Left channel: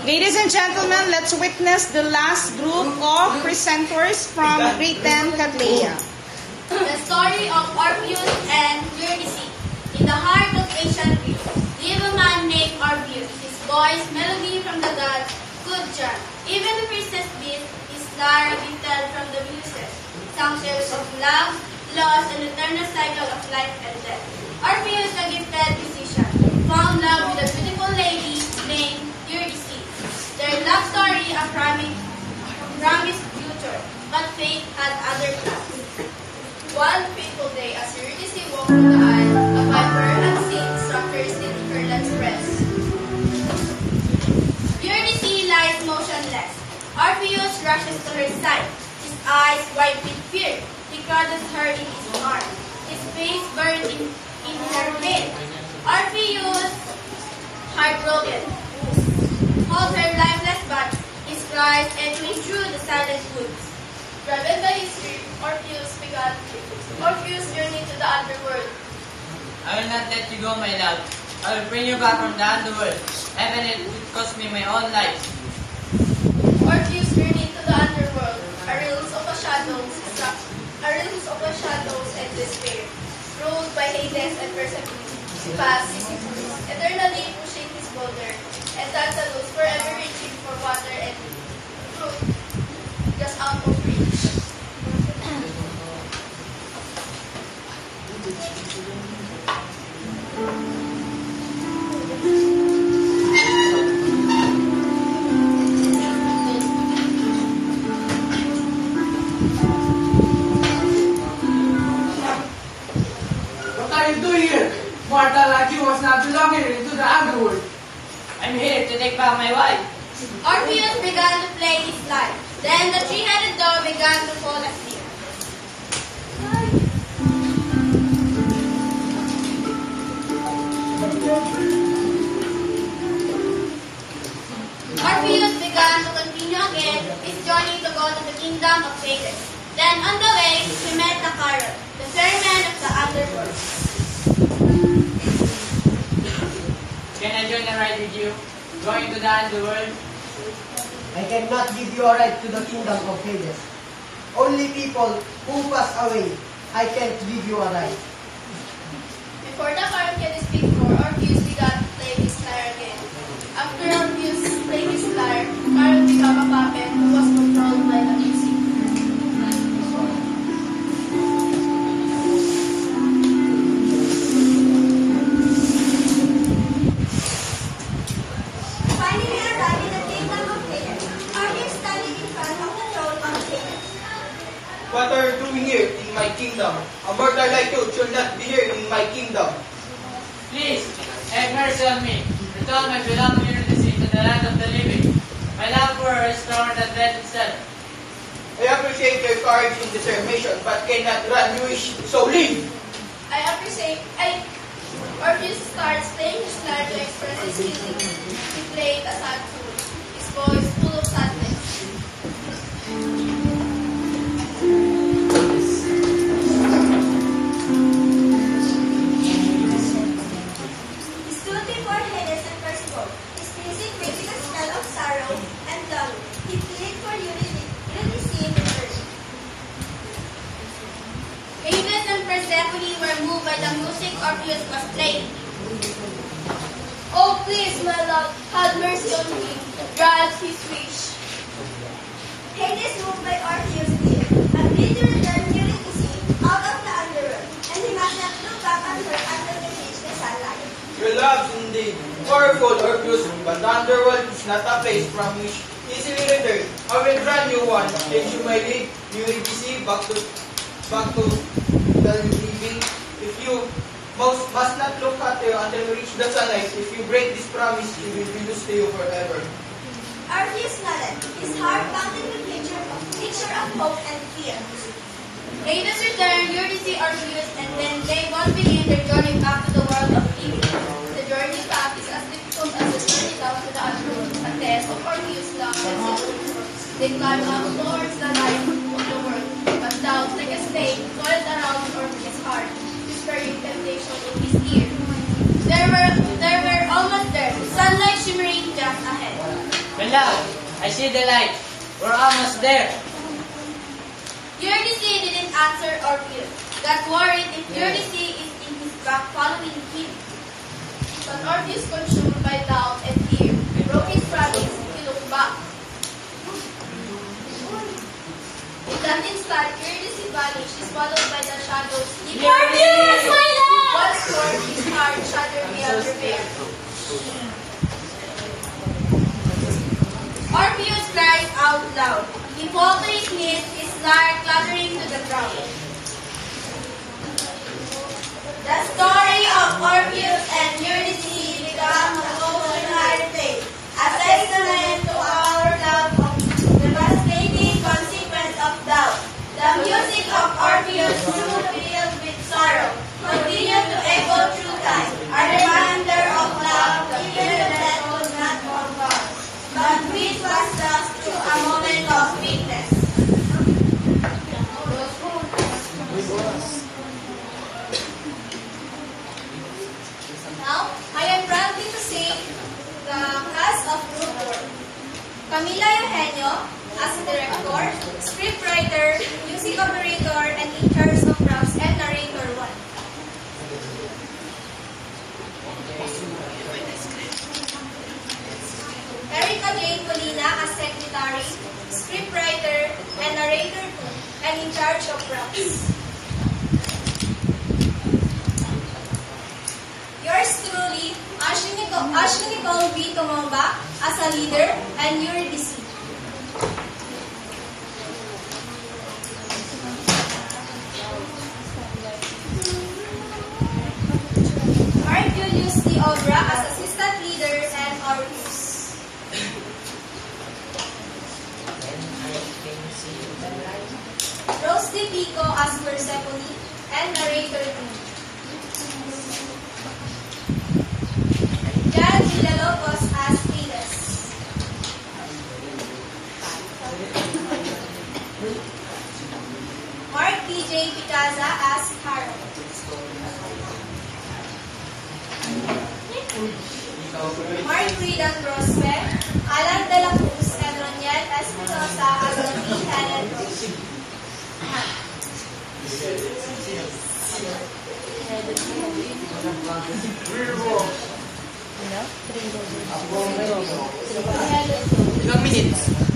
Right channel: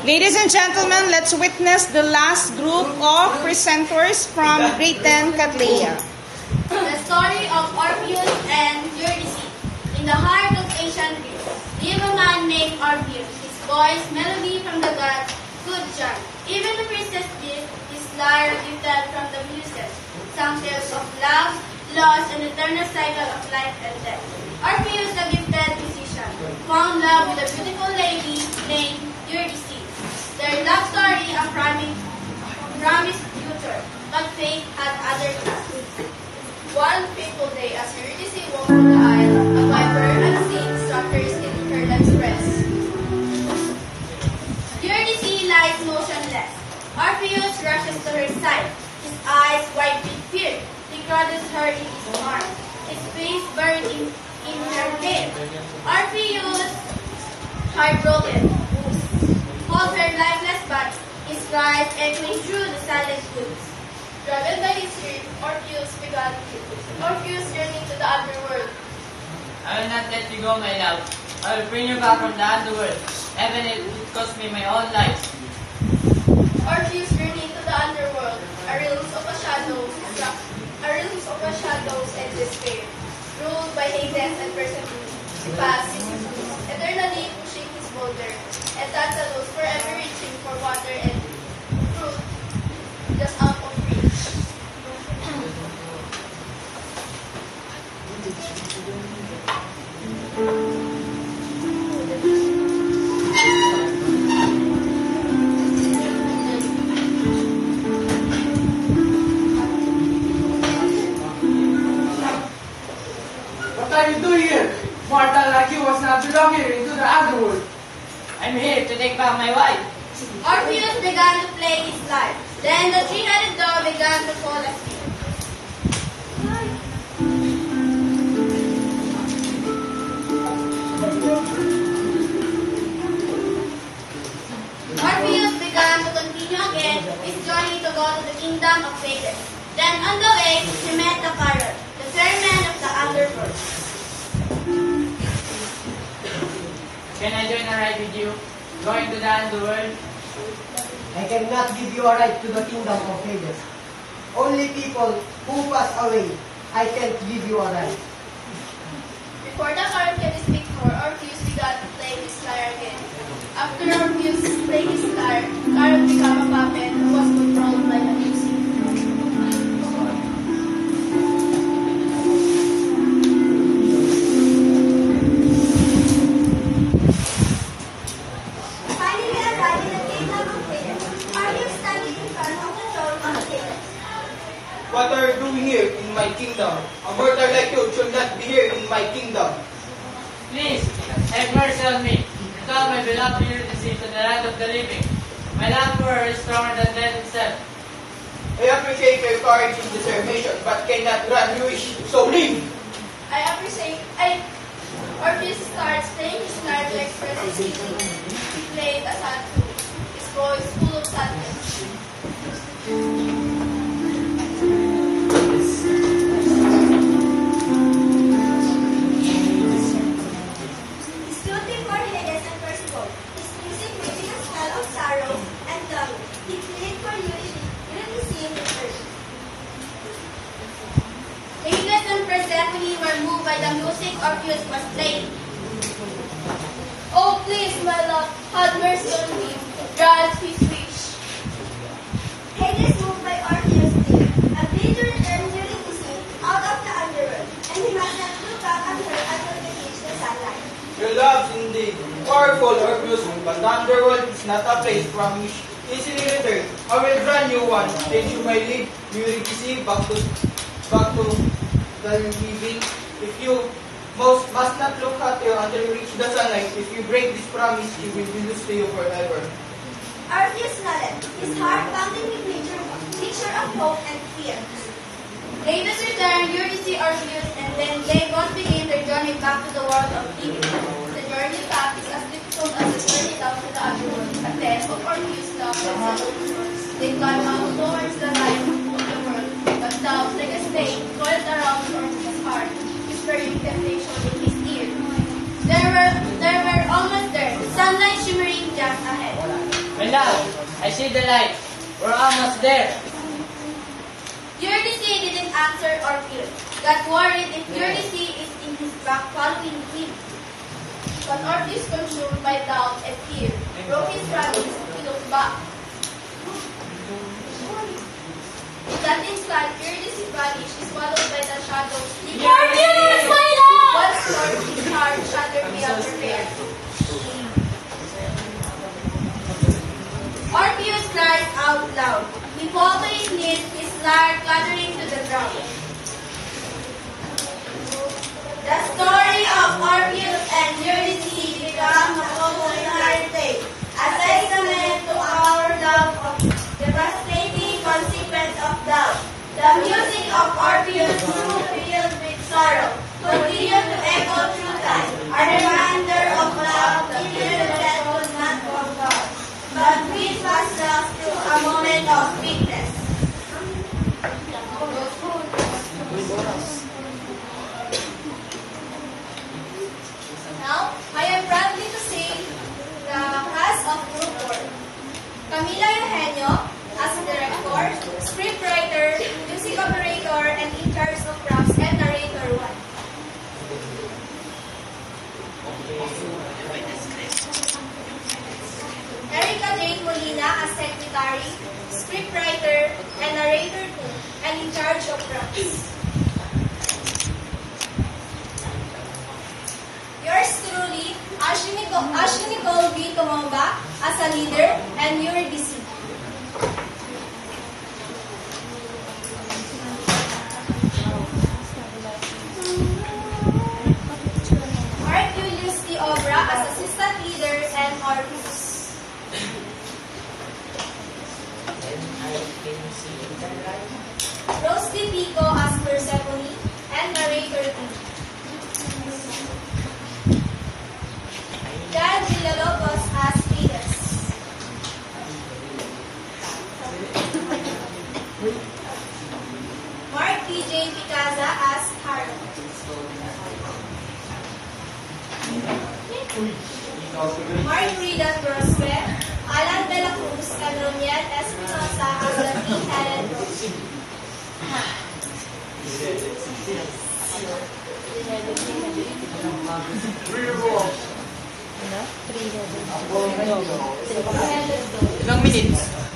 Ladies and gentlemen, let's witness the last group of presenters from grade 10 Cattleya. The story of Orpheus and Eurydice. In the heart of ancient Greece, lived a man named Orpheus. His voice, melody from the gods, good charm. Even the princess did, his lyre gifted from the muses, sang tales of love, loss, and eternal cycle of life and death. Orpheus, the gifted musician, found love with a beautiful lady named Eurydice. Their love story a promised future, but fate had other plans. One fateful day, as Eurydice walked on the aisle, a viper unseen struck her stick in her left breast. Eurydice lies motionless. Orpheus rushes to her side, his eyes wide with fear. He crowded her in his arms, his face burned in her pain. Orpheus, heartbroken, holds her lifeless body, his cries echoing through the silent woods. Driven by his fear, Orpheus began. Orpheus journeyed to the underworld. I will not let you go, my love. I will bring you back from the underworld, even if it cost me my own life. Orpheus journeyed to the underworld, a realms of shadows and despair. Ruled by Hades and Persephone, he passed Sisyphus, eternally pushing his boulder, and Tantalus forever reaching for water and fruit, just out of reach. What are you doing here? Mortal like you was not belonging into the underworld. I'm here to take back my wife. Orpheus began to play his lyre. Then the three-headed dog began to fall asleep. Orpheus began to continue again his journey to go to the kingdom of Hades. Then on the way, he met the Chiron, the ferryman of the underworld. Can I join a ride with you? Going to the underworld? I cannot give you a right to the kingdom of Hades. Only people who pass away, I can't give you a right. Before the Chiron can speak more, Orpheus began to play his lyre again. After Orpheus played his lyre, Chiron became a puppet who was controlled by the music. Finally arrived in the kingdom of Hades, Orpheus standing in front of the throne of Hades. What are you doing here in my kingdom? A mortal like you should not be here in my kingdom. Please, have mercy on me. Return my beloved Eurydice to the land of the living. My love for her is stronger than death itself. I appreciate your courage and determination, but cannot run you wish, so leave. Orpheus starts playing his lyre to express his feelings. He played a sad tune, his voice full of sadness. He stood before Hades and Persephone, his music making a spell of sorrow and longing. He pleaded for Eurydice in return. Hades and Persephone were moved by the music Orpheus was playing. Oh, please, my love, have mercy on me. Grant his wish. Hades, moved by Orpheus' plea, agreed to return Eurydice out of the underworld, and he must not look back on her until they reach the sunlight. Your love is indeed powerful, Orpheus, but the underworld is not a place from which easily return. I will grant you one, and you may lead Eurydice back to the living. If you must not look at you until you reach the sunlight. If you break this promise, she will be lost to you forever. Orpheus nodded, his heart pounding with mixture of hope and fear. Hades returned Eurydice, Orpheus, and then they both begin their journey back to the world of living. The journey back is as difficult as the journey down to the underworld. A test of Orpheus' love and self-assurance. They climb up towards the light of the world, but doubts like a snake coiled around Orpheus' heart, whispering temptation in his ear. They were almost there, the sunlight shimmering just ahead. Beloved, I see the light. We're almost there. Eurydice didn't answer Orpheus. Got worried if Eurydice is in his back following him. But Orpheus, consumed by doubt and fear, broke his promise to look back. In that instant, Eurydice vanished, swallowed by the shadows. Orpheus, my love! Once more, his heart shattered beyond repair. Orpheus cried out loud. He fell to his knees, his lyre clattering to the ground. The story of Orpheus and Eurydice becomes a popular tale, a testament to our love of devastating consequence of doubt. The music of Orpheus, through filled with sorrow, continues to echo through time, a reminder of love that that was not forgot, but which was lost through a moment of weakness. Now, I am proudly to sing the cast of Group 4. Camila Eugenio as director, scriptwriter, music operator, and in charge of props and narrator 1. Erica Jane Molina as secretary, scriptwriter, and narrator 2, and in charge of props. Yours truly, Ashley Nicole V. Tumamba as a leader, and Eurydice. Mark Julius D. Obra as assistant leader and Orpheus. Rose D. Pico as Persephone and narrator 2. Jan Villalobos as Venus. Mark T.J. Picaza as Harold. Mark Regan Brospe, Alan De La Cruz, and Roniel Espinosa as the three-headed rose. Ilang minutes?